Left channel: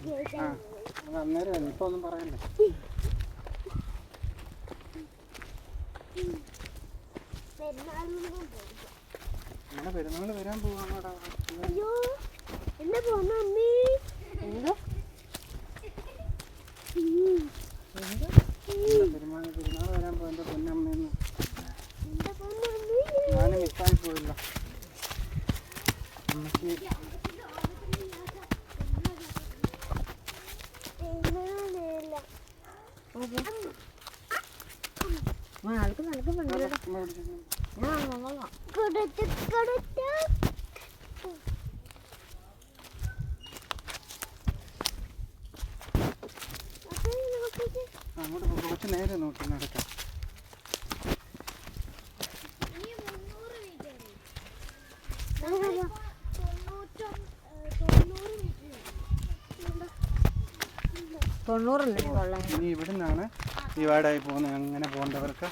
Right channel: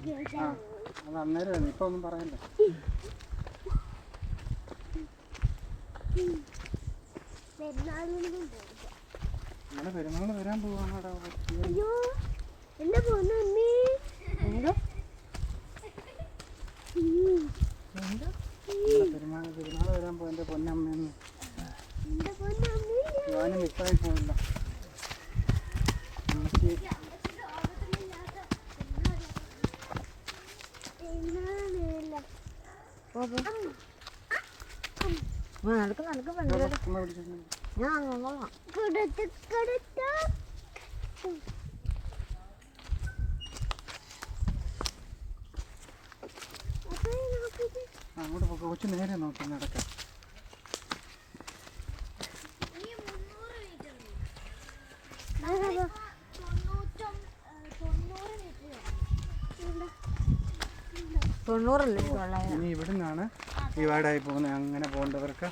അത് അന്നേരം ഇപ്പൊ ഒന്നും പറയണ്ട. അങ്ങനെ പെരുന്നാള് വരാൻ പോവാണോടാ? പെരുന്നാള് വരാൻ പോ എന്റെ പൊന്നമ്മയെന്ന്. ഞാനും മിസ്സായി പോയില്ല. എനിക്ക് അങ്ങോട്ട് കുറച്ച് നേരെ നോക്കി നടക്കാം. ഇനി ഇവിടെ നിന്നാണ് ഡിവൈഡായി പോകുന്നത്. അങ്ങനെ പോകേണ്ടവർക്ക്